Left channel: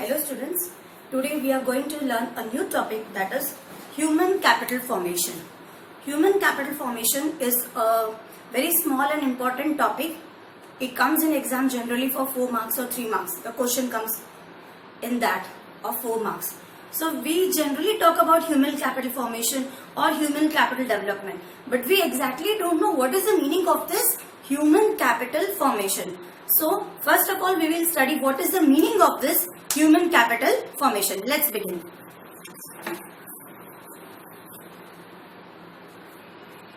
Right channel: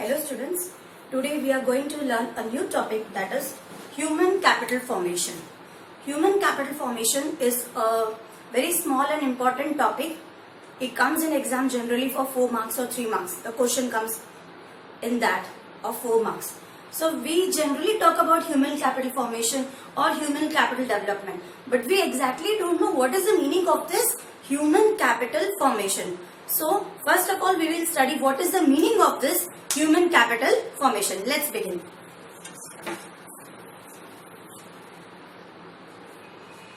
Hello students, today we are going to learn a new topic, that is human capital formation. Human capital formation is a very small and important topic. It comes in exam generally for 4 marks or 3 marks. The question comes in that of 4 marks. So we generally talk about human capital formation or human capital development, but we exactly don't know what is the meaning of this human capital formation. So first of all, we will study what is the meaning of this human capital formation. Let's begin.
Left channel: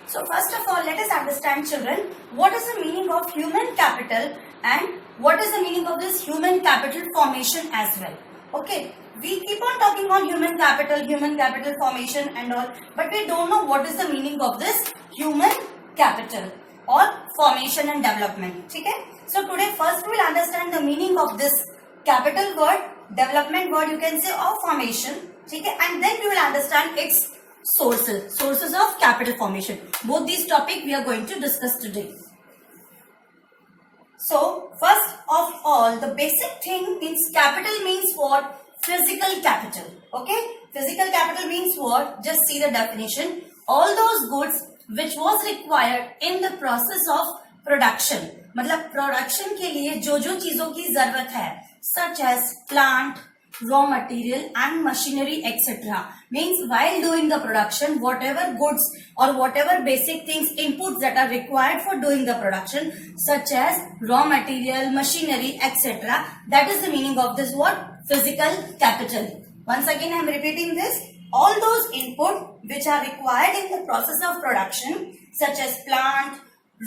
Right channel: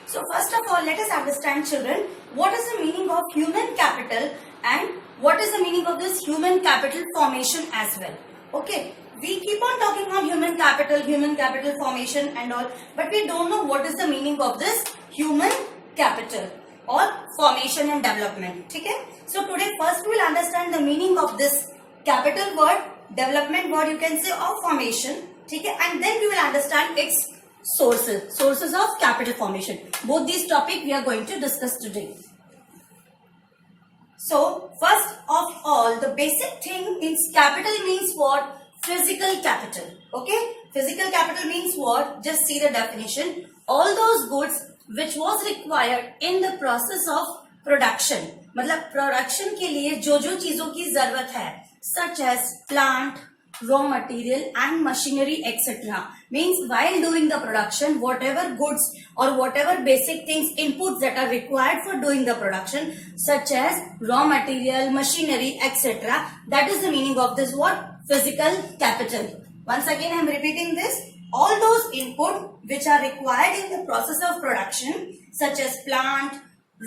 So first of all, let us understand, children, what is the meaning of human capital and what is the meaning of this human capital formation as well. Okay, we keep on talking on human capital formation and all, but we don't know what is the meaning of this human capital or formation and development. Okay, so today first we will understand the meaning of this capital word, development word you can say, or formation. Okay, and then we will understand its sources of capital formation. Both these topics we are going to discuss today. So first of all, the basic thing means capital means what? Physical capital. Okay, physical capital means what? Just see the definition. All those goods which was required in the process of production. मतलब प्रोडक्शन के लिए जो जो चीजों की जरूरत है, such as plant, raw material and machinery etc. Means while doing the production, whatever goods or whatever basic things, inputs that are required for doing the production, such as raw material, machinery etc. That is the meaning of this what? Physical capital. Once again I am repeating this. All those input which are required in the process of production, such as plant,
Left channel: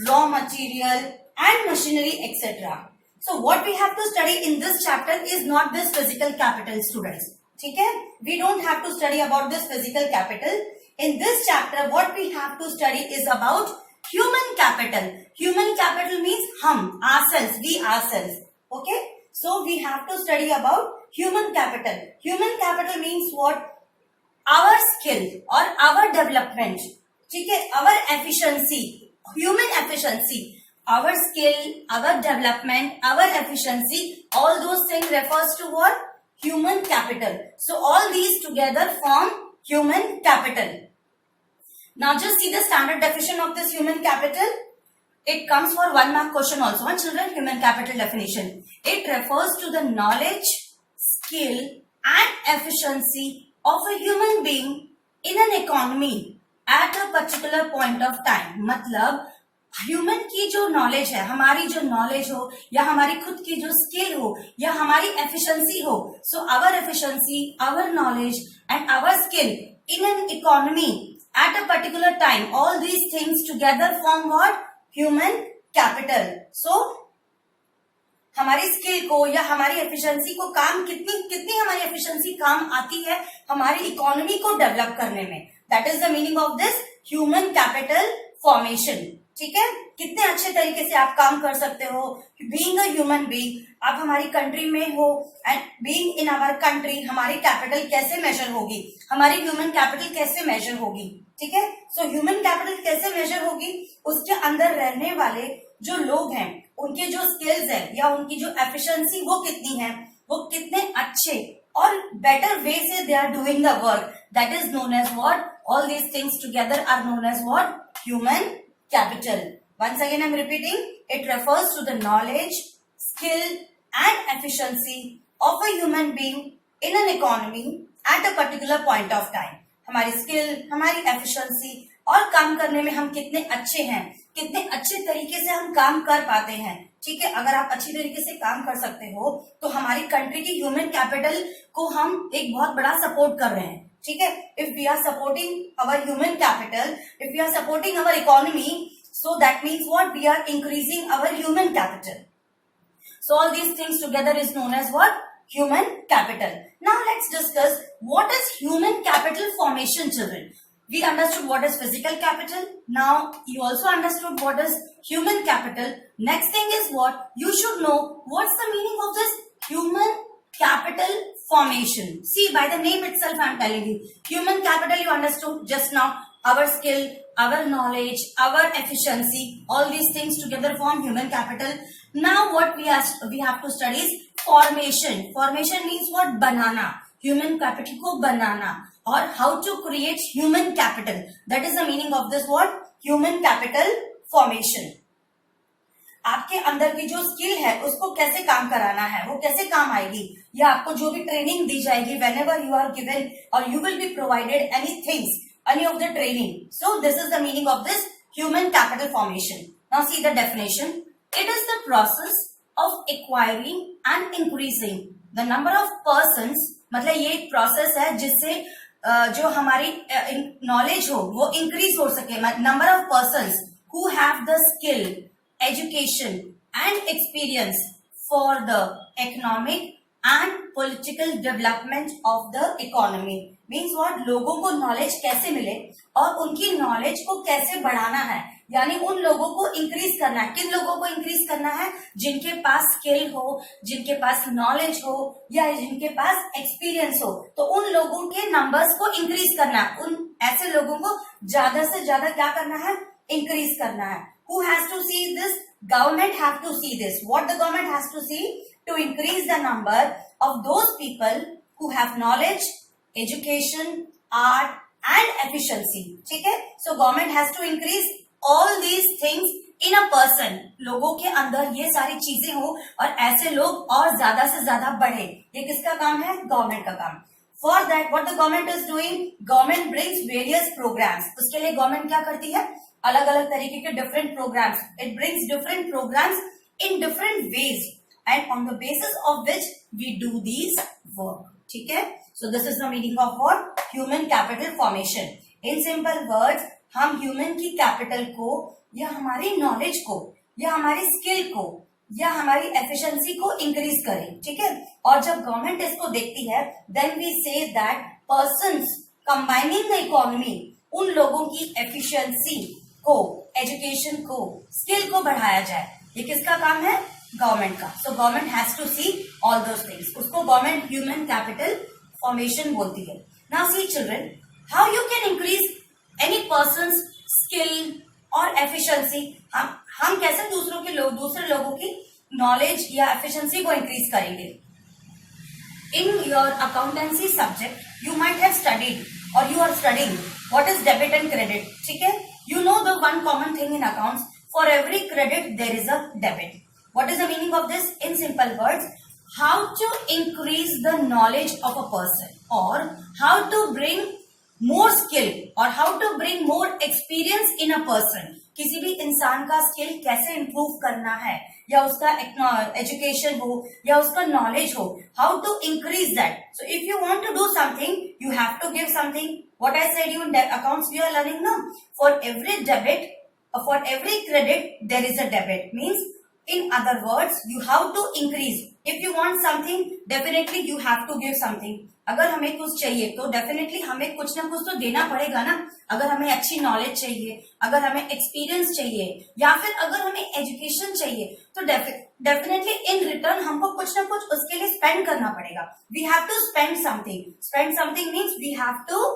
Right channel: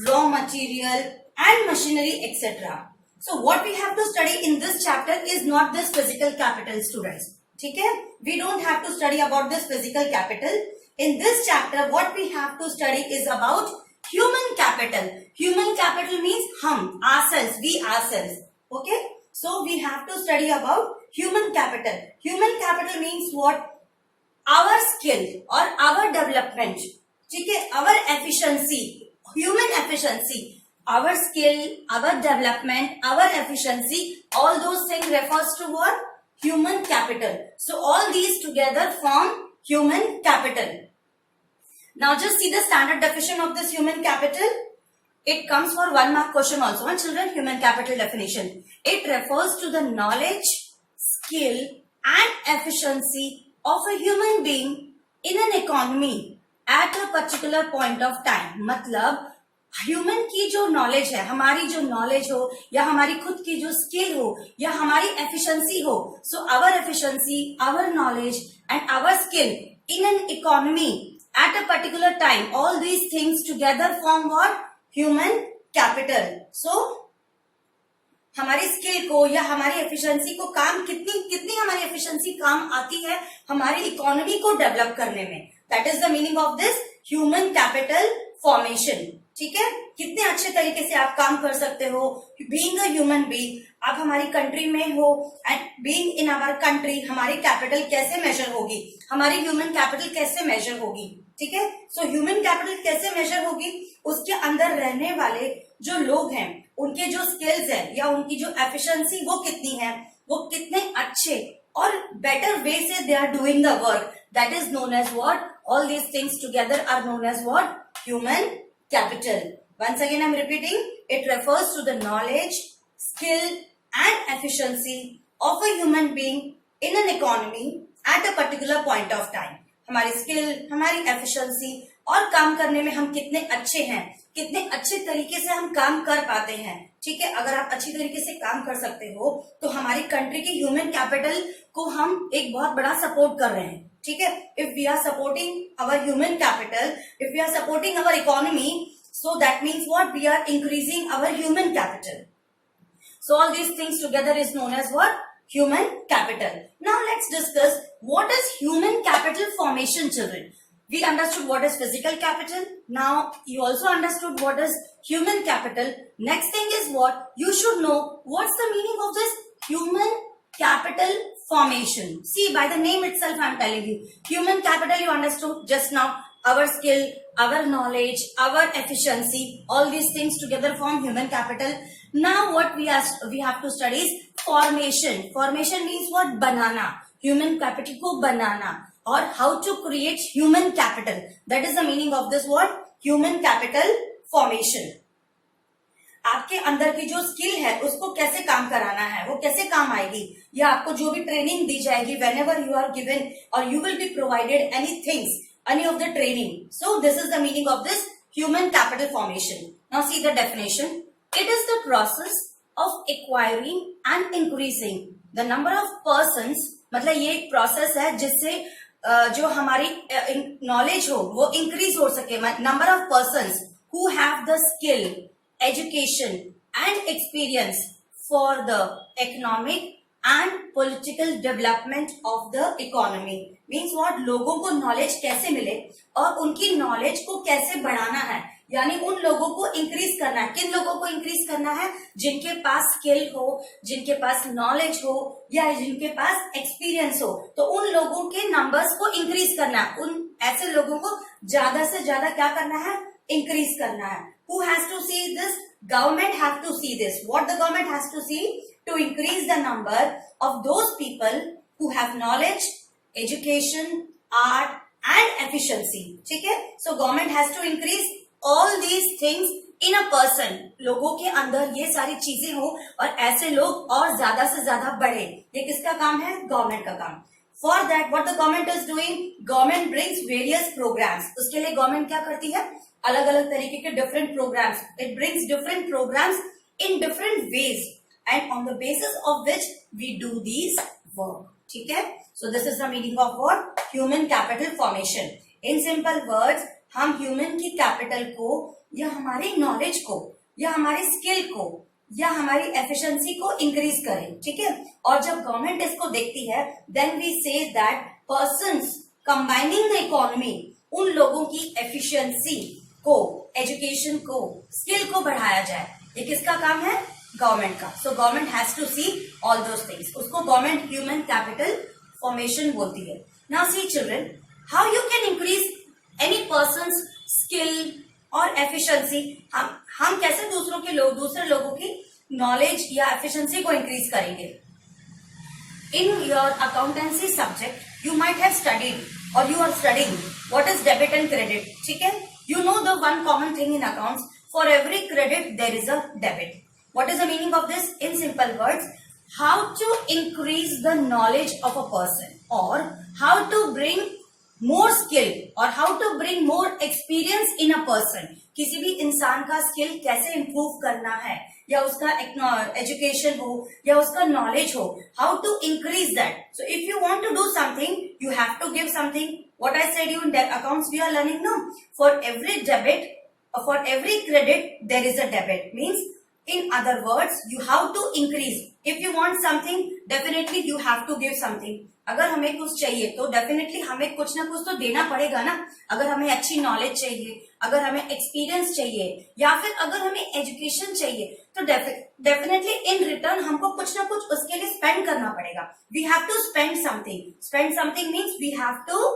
raw material and machinery etc. So what we have to study in this chapter is not this physical capital, students. Okay? We don't have to study about this physical capital. In this chapter what we have to study is about human capital. Human capital means hum, ourselves, we ourselves. Okay? So we have to study about human capital. Human capital means what? Our skill or our development. Okay? Our efficiency, human efficiency. Our skill, our development, our efficiency, all those things refers to what? Human capital. So all these together form human capital. Now just see the standard definition of this human capital. It comes for 1 mark question also. Children, human capital definition. It refers to the knowledge, skill and efficiency of a human being in an economy at a particular point of time. मतलब ह्यूमन की जो नॉलेज है, हमारी जो नॉलेज हो या हमारी खुद की जो स्किल हो या हमारी एफिशिएंसी हो, so our efficiency, our knowledge and our skill in an economy at a particular time, all these things together form what? Human capital. So हमारी स्किल को या हमारी एफिशिएंसी को काम कितनी हमारी एफिशिएंसी काम आती है हमारी इकोनॉमी को डेवलप करने में. That is the meaning of this human capital formation. ठीक है, कितने अच्छे तरीके से आप काम कर सकते हो बीइंग अ ह्यूमन बीइंग. आप हमारी कंट्री में हो and being in our country, हमारी कैपिटल कैसे मेजर होगी, हमारी ह्यूमन कैपिटल कैसे मेजर होगी. ठीक है, सो ह्यूमन कैपिटल कैसे मेजर होगी? उसके अंदर रहने वाले जो लोग हैं उनके जो स्किल्स है या उनकी जो एफिशिएंसी वो कितनी है, वो कितने अच्छे और बेटर वे से they are doing the work. That is known as what? All these things together are known as what? Human capital. Once again I am repeating, it refers to the knowledge, skill and efficiency of a human being in an economy at a particular point of time. हमारी स्किल, हमारी एफिशिएंसी और काम करने में हम कितने अच्छे हैं, कितने अच्छे तरीके से हम काम कर पाते हैं. ठीक है, अगर आप अच्छी तरीके से काम कर सकते हो तो हमारी कंट्री की ह्यूमन कैपिटल को हम एक बहुत बड़ा सपोर्ट कर रहे हैं. ठीक है, if we are supporting our human capital, if we are supporting our economy, so that means what? We are increasing our human capital. So all these things together is known as what? Human capital. Now let's discuss what is human capital formation, children. We understood what is physical capital. Now you also understood what is human capital. Next thing is what? You should know what's the meaning of this human capital formation. See, by the name itself I am telling you. Human capital you understood just now. Our skill, our knowledge, our efficiency, all these things together form human capital. Now what we have to study is formation means what, बनाना, human capital को बनाना, और how to create human capital, that is the meaning of this word human capital formation. आपके अंदर की जो स्किल है उसको कैसे काम कराना है, वो कैसे काम आएगी, या आपको जो भी ट्रेनिंग दी जाएगी, whenever you are given और you will be provided any things, any of the training. So this is the meaning of this human capital formation. Now see the definition. It is the process of acquiring and increasing the number of persons. मतलब ये एक प्रोसेस है जिससे जो हमारी नॉलेज हो वो इंक्रीज हो सके. Number of persons who have the skill, education and experience for the economic and political development of the economy. Means what, लोगों को नॉलेज कैसे मिले और उनकी नॉलेज को कैसे बढ़ाना है, यानी उन लोगों को इंक्रीज करना है. किन लोगों को इंक्रीज करना है? जिनके पास स्किल हो, जिनके पास नॉलेज हो, या जिनके पास एक्सपीरियंस हो, तो उन लोगों के नंबर्स को इंक्रीज करना है. उन ऐसे लोगों को ज्यादा से ज्यादा क्या करना है? इंक्रीज करना है. Who has to see this? Government have to see this. What the government has to see? To increase the number of those people who have knowledge, education, art and efficiency. ठीक है? So government has to increase all these things in a person. लोगों के अंदर ये सारी चीजें हो और ऐसे लोग और ज्यादा से ज्यादा बढ़े. ये किसका काम है? गवर्नमेंट का काम. For that, what the government is doing? Government brings various programs. उसके लिए गवर्नमेंट क्या करती है? अलग अलग तरीके के different programs. It brings different programs in different ways and on the basis of which we do these work. ठीक है? So this is the meaning of what? Human capital formation. In simple words, हम human की capital को या हमारी knowledge को या हमारी skill को या हमारी efficiency को increase करें. ठीक है? और जब government इसको देखती है, then we say that persons combining the economy, उन लोगों की efficiency को, education को, skill को बढ़ाया जाए. ये किसका काम है? गवर्नमेंट का. So government has to see all those things. उसको गवर्नमेंट ह्यूमन कैपिटल फॉर्मेशन बोलती है. Now see children, how you can increase any person's skill और एफिशिएंसी. हम कैसे दूसरे लोगों की नॉलेज या एफिशिएंसी को इंक्रीज करेंगे. In your accountancy subject you might have studied और you are studying what is debit and credit. ठीक है? You know the one common thing in accounts, for every credit there is a debit. What is the meaning of this? In simple words, how to increase the knowledge of a person, or how to bring more skill, or how to bring more experience in a person. किसी भी इंसान का स्किल कैसे improve करना है, या उसका एजुकेशन हो या उसका नॉलेज हो, how to increase that. So if you want to do something, you have to give something. What I said you in accounts we are learning now. For every debit, or for every credit, there is a debit. Means in other words, you have to increase. If you want something, definitely you have to give something. अगर हमें कुछ चाहिए तो डेफिनेटली हमें कुछ ना कुछ तो देना पड़ेगा ना. अगर हमें अच्छी नॉलेज चाहिए, अगर हमें एक्सपीरियंस चाहिए, या फिर अगर हमें एजुकेशन चाहिए, तो डेफिनेटली इन रिटर्न हमको कुछ ना कुछ उसके लिए स्पेंड करना पड़ेगा. We have to spend something. Spend something means we have to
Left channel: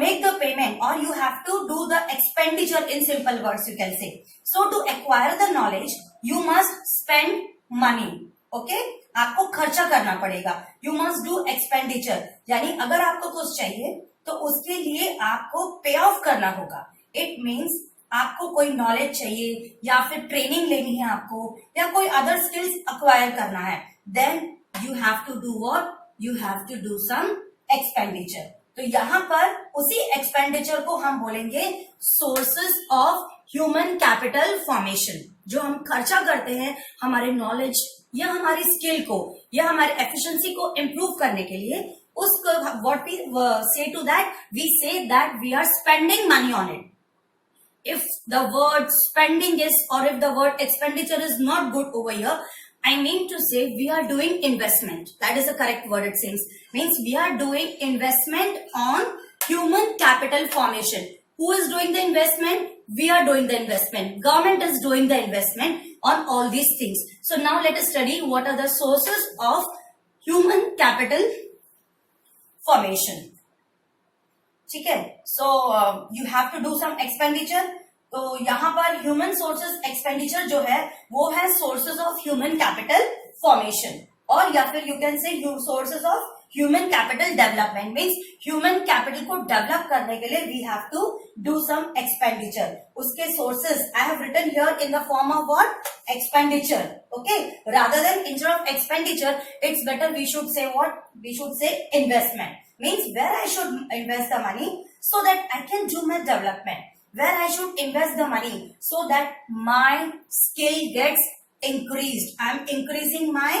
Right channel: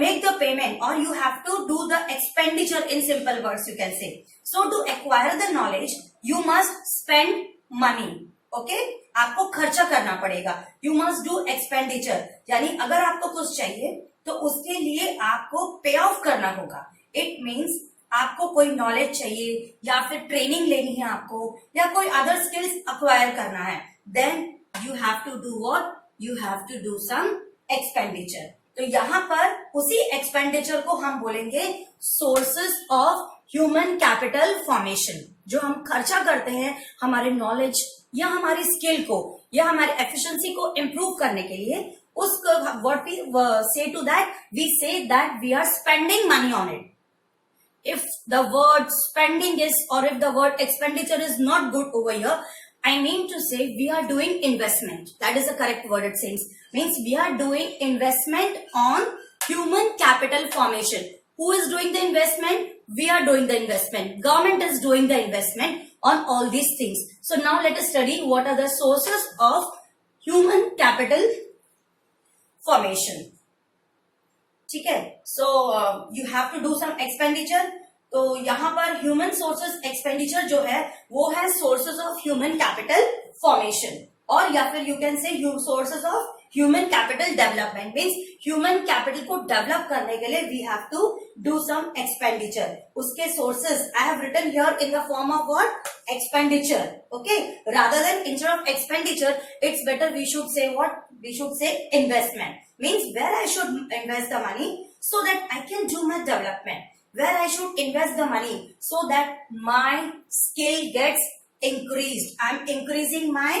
make the payment, or you have to do the expenditure. In simple words you can say. So to acquire the knowledge you must spend money. Okay? आपको खर्चा करना पड़ेगा. You must do expenditure. यानी अगर आपको कुछ चाहिए तो उसके लिए आपको पे ऑफ करना होगा. It means आपको कोई नॉलेज चाहिए या फिर ट्रेनिंग लेनी है आपको, या कोई अदर स्किल्स अक्वायर करना है, then you have to do what? You have to do some expenditure. तो यहाँ पर उसी एक्सपेंडिचर को हम बोलेंगे sources of human capital formation. जो हम खर्चा करते हैं हमारे नॉलेज या हमारी स्किल को या हमारी एफिशिएंसी को इम्प्रूव करने के लिए, उसको what we say to that, we say that we are spending money on it. If the word spending is, or if the word expenditure is not good over here, I mean to say we are doing investment. That is the correct word it seems. Means we are doing investment on human capital formation. Who is doing the investment? We are doing the investment. Government is doing the investment on all these things. So now let us study what are the sources of human capital formation. ठीक है? So you have to do some expenditure. तो यहाँ पर human sources expenditure जो है वो है sources of human capital formation. और या फिर you can say sources of human capital development means human capital को डेवलप करने के लिए we have to do some expenditure. उसके sources I have written here in the form of what expenditure. Okay, rather than instead of expenditure it's better we should say what we should say investment means where I should invest the money so that I can do my development, where I should invest the money so that my skill gets increased. I am increasing my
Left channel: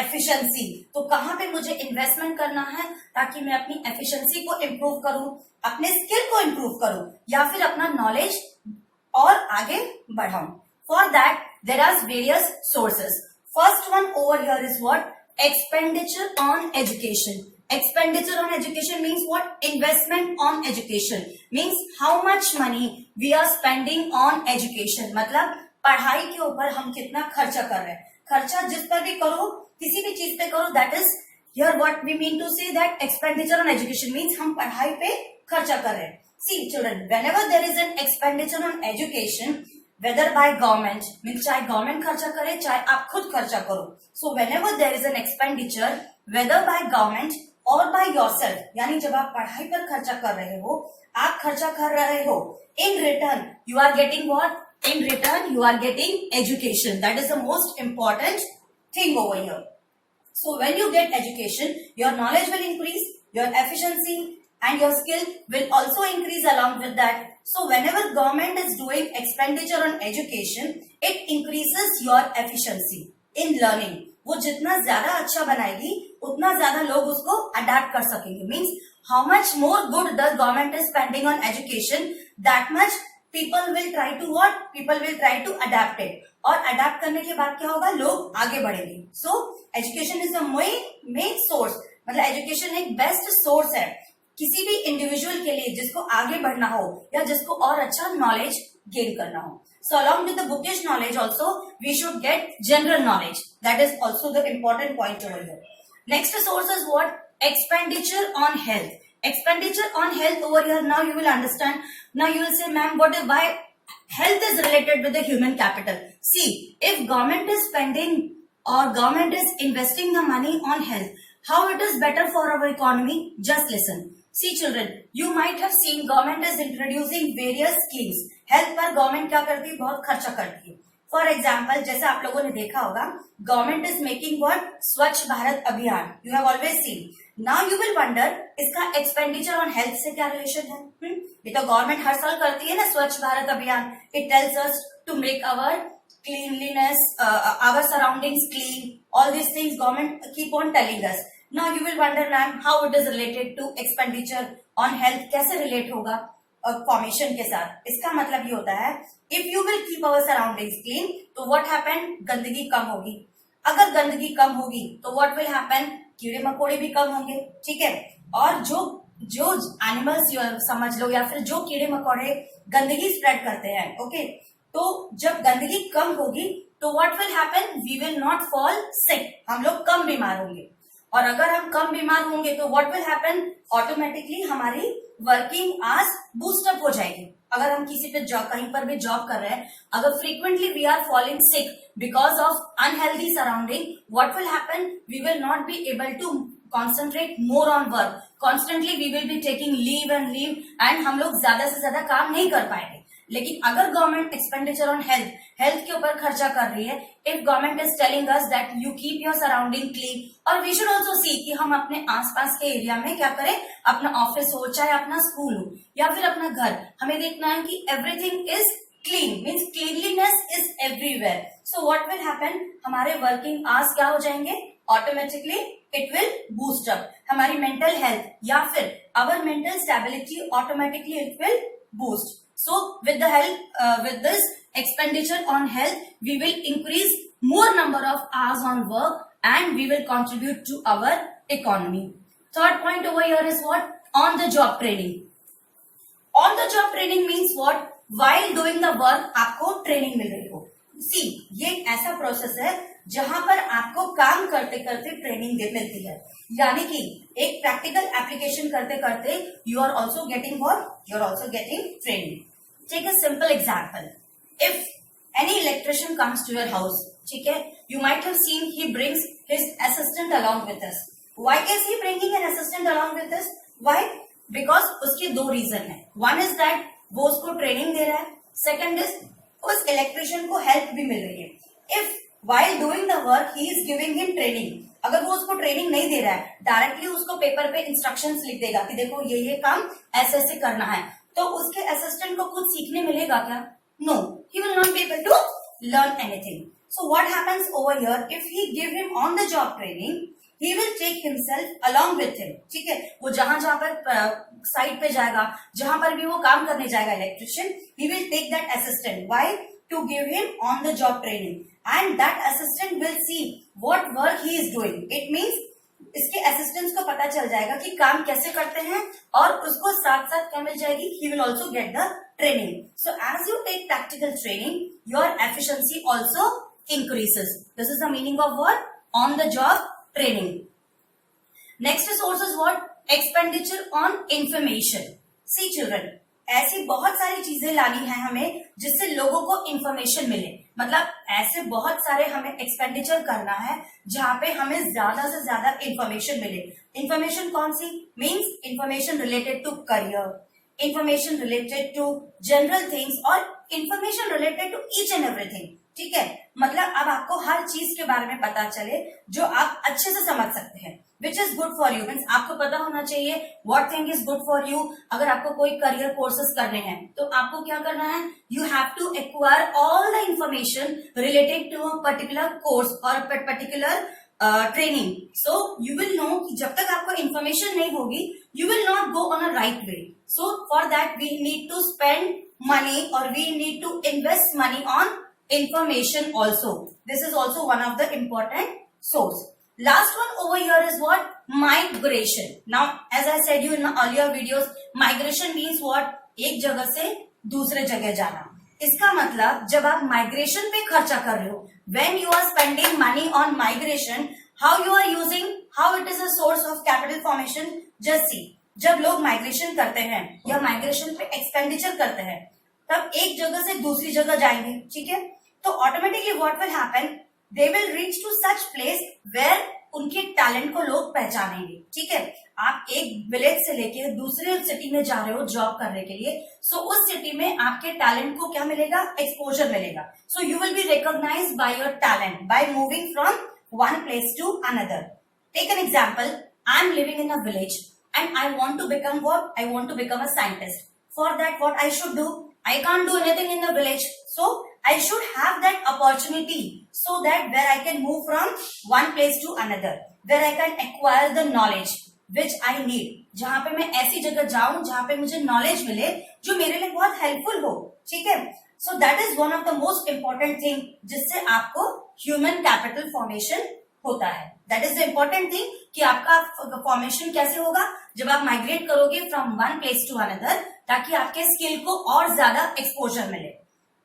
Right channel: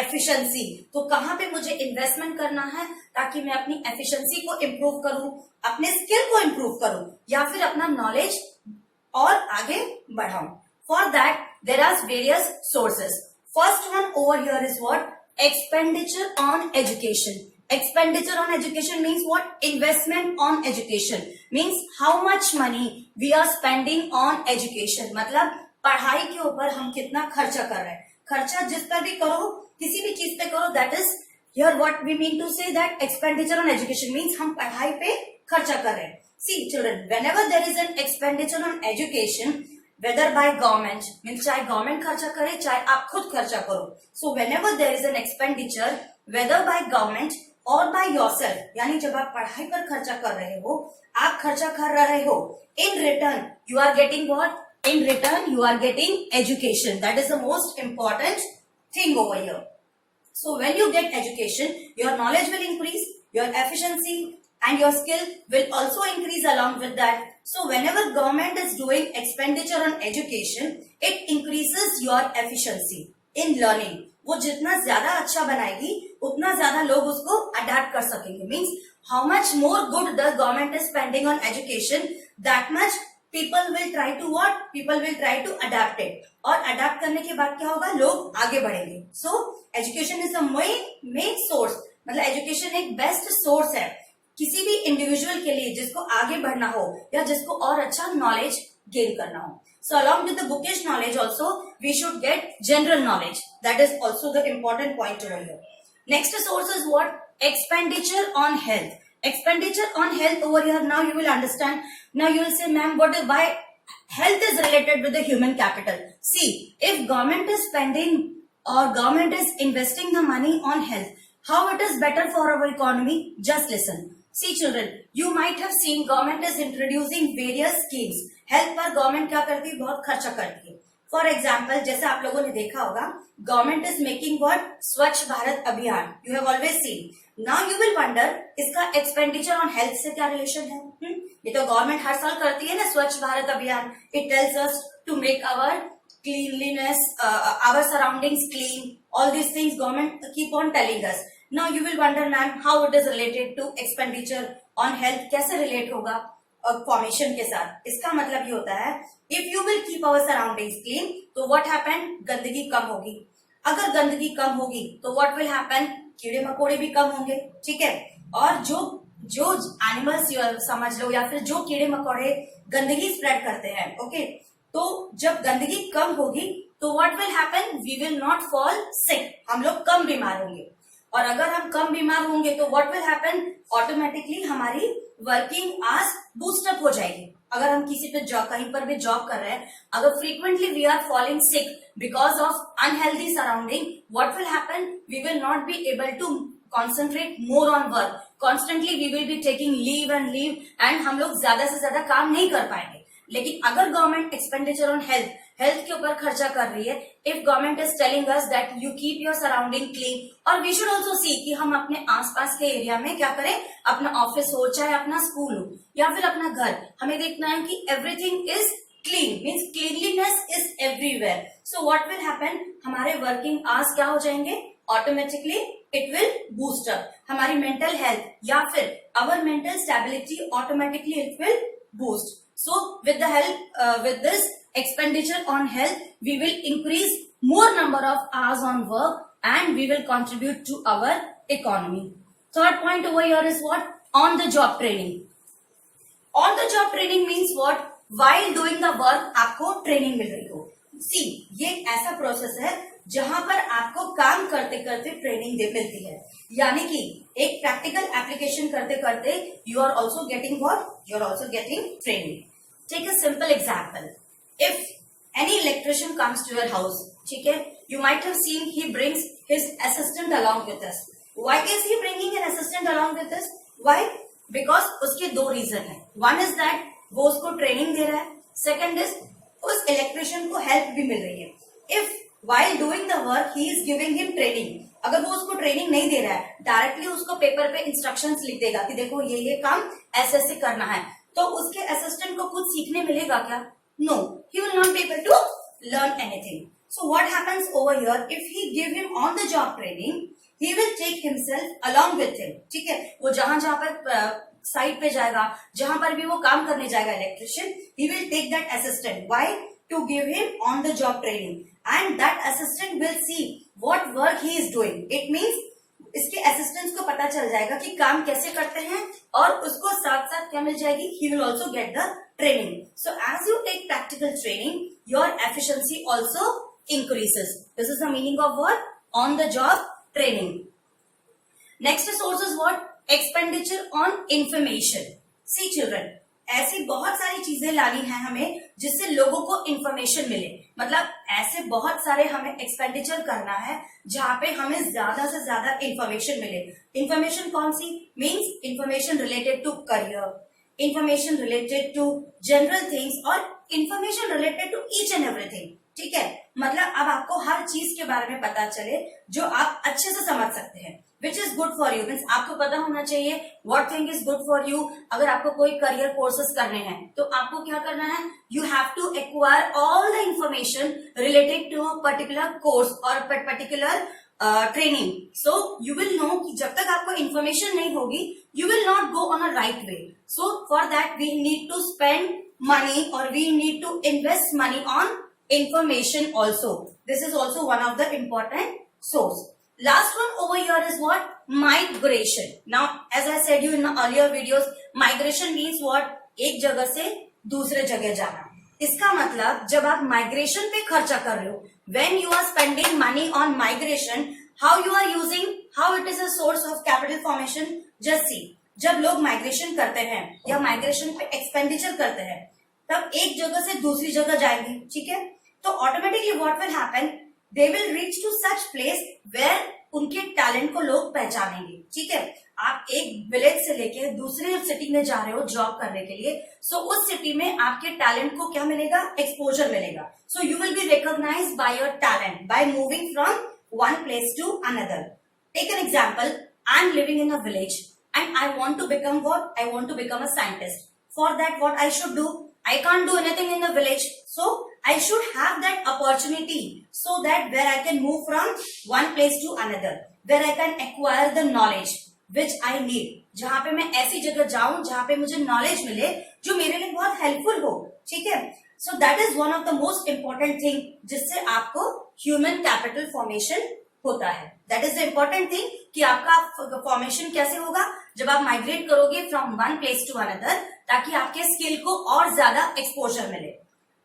efficiency. तो कहाँ पे मुझे इन्वेस्टमेंट करना है ताकि मैं अपनी एफिशिएंसी को इम्प्रूव करूं, अपने स्किल को इम्प्रूव करूं या फिर अपना नॉलेज और आगे बढ़ाऊं. For that there are various sources. First one over here is what expenditure on education. Expenditure on education means what? Investment on education means how much money we are spending on education. मतलब पढ़ाई के ऊपर हम कितना खर्चा कर रहे हैं. खर्चा जिस पर भी करो, किसी भी चीज पे करो, that is here what we mean to say that expenditure on education means हम पढ़ाई पे खर्चा कर रहे हैं. See children, whenever there is an expenditure on education, whether by government means चाहे गवर्नमेंट खर्चा करे चाहे आप खुद खर्चा करो. So whenever there is an expenditure, whether by government और बाय योरसेल्फ, यानी जब आप पढ़ाई पर खर्चा कर रहे हो, आप खर्चा कर रहे हो, in return you are getting what? In return you are getting education. That is the most important thing over here. So when you get education, your knowledge will increase, your efficiency and your skill will also increase along with that. So whenever government is doing expenditure on education, it increases your efficiency in learning. वो जितना ज्यादा अच्छा बनाएगी उतना ज्यादा लोग उसको adapt कर सकेंगे. Means how much more good the government is spending on education, that much people will try to what? People will try to adapt it. और अडेप्ट करने के बाद क्या होगा? लोग आगे बढ़ेंगे. So education is the main source. मतलब एजुकेशन एक बेस्ट सोर्स है किसी भी इंडिविजुअल के लिए जिसको आगे बढ़ना हो या जिसको और अच्छा नॉलेज गेन करना हो. So along with the bookish knowledge also, we should get general knowledge. That is also the important point over here. Next source is what? Expenditure on health. Expenditure on health over here. Now you will understand. Now you will say, ma'am, why health is related with the human capital? See, if government is spending or government is investing the money on health, how it is better for our economy? Just listen. See children, you might have seen government is introducing various schemes. Health पर गवर्नमेंट क्या करती है? बहुत खर्चा करती है. For example जैसे आप लोगों ने देखा होगा, गवर्नमेंट इज मेकिंग व्हाट? स्वच्छ भारत अभियान. You have always seen. Now you will wonder इसका एक्सपेंडिचर ऑन हेल्थ से क्या रिलेशन है? ये तो गवर्नमेंट हर साल करती है ना Swachh Bharat Abhiyan. It tells us to make our cleanliness, our surroundings clean. All these things government keep on telling us. Now you will wonder, ma'am, how it is related to expenditure on health? कैसे relate होगा फॉर्मेशन के साथ? इसका मतलब ये होता है, if you will keep our surroundings clean, तो what happen? गंदगी कम होगी. अगर गंदगी कम होगी तो what will happen? कीड़े मकोड़े भी कम होंगे. ठीक है. और जो एनिमल्स समझ लो या फिर जो कीड़े मकोड़े गंदगी स्प्रेड करते हैं, ओके, तो जब गंदगी कम होगी तो what will happen? We will not fall sick. हम लोग कम बीमार होंगे. और अगर हम कम बीमार होंगे तो व्हाट विल हैपन? ऑटोमेटिकली हमारी वर्किंग आवर्स बूस्टअप हो जाएगी. अगर हम किसी पे कहीं पर भी जॉब कर रहे हैं, अगर frequently we are falling sick because of unhealthy surrounding, what will happen? We will not be able to concentrate more on work. Constantly we will be taking leave and हम लोग ज्यादा से ज्यादा काम नहीं कर पाएंगे. लेकिन अगर गवर्नमेंट एक्सपेंडिचर ऑन हेल्थ के ऊपर खर्चा कर रही है, if government is telling us that you keep your surrounding clean, और वी शुड ऑल्सो सी कि हम अपने आसपास के एरिया में क्या करें, अपना ऑफिस हो चाहे अपना स्कूल हो या फिर अपना घर, हमें देखना है कि everything is clean. Means cleanliness is everywhere. So what will happen? हमारे वर्किंग आवर्स क्या हो जाएंगे? Automatically it will boost up. हमारी मेंटल हेल्थ या फिर our mental stability automatically it will boost. So with the help with this expenditure on health, we will increase more number of hours on work and we will contribute to our economy. Third point over here is what? On the job training. On the job training means what? While doing the work आपको ट्रेनिंग मिल रही हो. See, ये एक ऐसा प्रोसेस है जहां पर आपको काम करते करते ट्रेनिंग मिलती है. यानी कि एक प्रैक्टिकल एप्लीकेशन करते करते you are also getting what? You are also getting training. Take a simple example. If any electrician comes to your house, ठीक है, you might have seen he brings his assistant assistant along with us. Why is he bringing an assistant along with us? Why? Because उसके दो रीजन है. One is that वो उसको ट्रेनिंग दे रहा है. Second is उस इलेक्ट्रिशियन को हेल्प भी मिल रही है. If while doing the work he is giving him training, अगर वो उसको ट्रेनिंग नहीं दे रहा है, डायरेक्टली उसको पेपर पे इंस्ट्रक्शंस लिख देगा कि देखो ये काम ऐसे ऐसे करना है, तो उसके असिस्टेंट को कुछ सीखने मिलेगा क्या? No, he will not be able to learn anything. So what happens over here, if he give him on the job training, he will take himself along with him. ठीक है, वो जहां जहां पर साइट पे जाएगा, जहां पर भी वो काम करने जाएगा electrician, he will take that assistant. Why? To give him on the job training, and that assistant will see what work he is doing. It means इसके असिस्टेंट्स को पता चल जाएगा कि काम कैसे करते हैं, और उसको साथ साथ क्या मिल जाएगी? He will also get the training. So as you take practical training, your efficiency also increases. This is the meaning of what? On the job training. Next source is what? Expenditure on information. See children, ऐसी बहुत सारी चीजें लानी है हमें जिससे लोगों को इंफॉर्मेशन मिले. मतलब ऐसे बहुत सारे हमें एक्सपेंडिचर करना है जहाँ पे हमें ज्यादा से ज्यादा इंफॉर्मेशन मिले. इंफॉर्मेशन कौन सी? Means information related to career, information related to general things, और information related to each and everything. ठीक है, मतलब अब आपको हर चीज के बारे में पता चले जो आप अच्छे से समझ सकते हैं. Which is good for you, means आपको पता होना चाहिए what thing is good for you. अगर आपको कोई करियर कोर्सेज करने हैं तो आपको क्या करना है? You have to acquire all the information related to particular course और particular training. So you will know कि जब तक आपको इंफॉर्मेशन नहीं होगी, you will not go on a right way. So for that we need to spend money, or we need to invest money on information also. This is also one of the important source. Last one over here is what? Migration. Now as I said you in earlier videos, migration means what? एक जगह से दूसरे जगह जाना. इसका मतलब जब आप माइग्रेशन पे खर्चा कर रहे हो, when you are spending money on migration, how you are using, how it is a source of capital formation. Just see, जब लोग माइग्रेशन करते हैं या माइग्रेशन पे एक्सपेंडिचर करते हैं, तब एक जगह से दूसरी जगह जाएंगे. ठीक है, तो automatically what will happen? They will reach to such place where उनके टैलेंट को लोग पहचानेंगे. ठीक है, आप एक विलेज से लेके दूसरे सिटी में जा रहे हो जॉब करने के लिए, सो उस सिटी में आपके टैलेंट को क्या मिलेगा? एक्सपोजर मिलेगा. So you will be recognized by your talent by moving from one place to another. Take an example, I am living in a village and I want to become what? I want to become a scientist. For that, what I should do? I can't do anything in the village. So, I should have that opportunity so that where I can move from one place to another, where I can acquire the knowledge which I need. जहाँ पे मैं ऐसी जगह जाऊं जहाँ पे मुझे knowledge मिले जो मेरे लिए बहुत helpful हो. ठीक है? So, that is one of the most important thing जिससे आपको human capital formation होता है. That is the important thing कि आपका फॉर्मेशन कैसे होगा? जब आप माइग्रेट करोगे from one place to another, ताकि आपके स्किल को और ज्यादा एक्सपोजर मिले.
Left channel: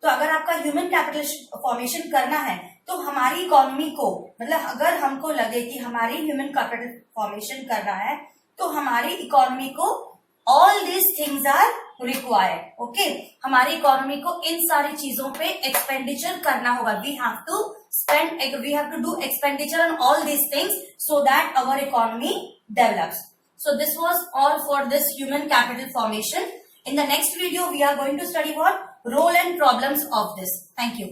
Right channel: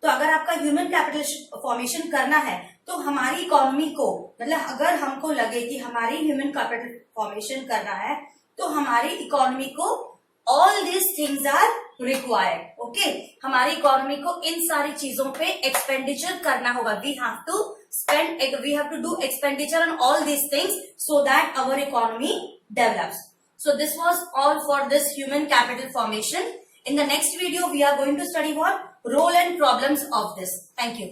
तो अगर आपका ह्यूमन कैपिटल फॉर्मेशन करना है तो हमारी इकोनॉमी को, मतलब अगर हमको लगे कि हमारी ह्यूमन कैपिटल फॉर्मेशन करना है तो हमारी इकोनॉमी को all this things are required. Okay, हमारी इकोनॉमी को इन सारी चीजों पे एक्सपेंडिचर करना होगा. We have to do expenditure on all these things so that our economy develops. So this was all for this human capital formation. In the next video, we are going to study what? Role and problems of this. Thank you.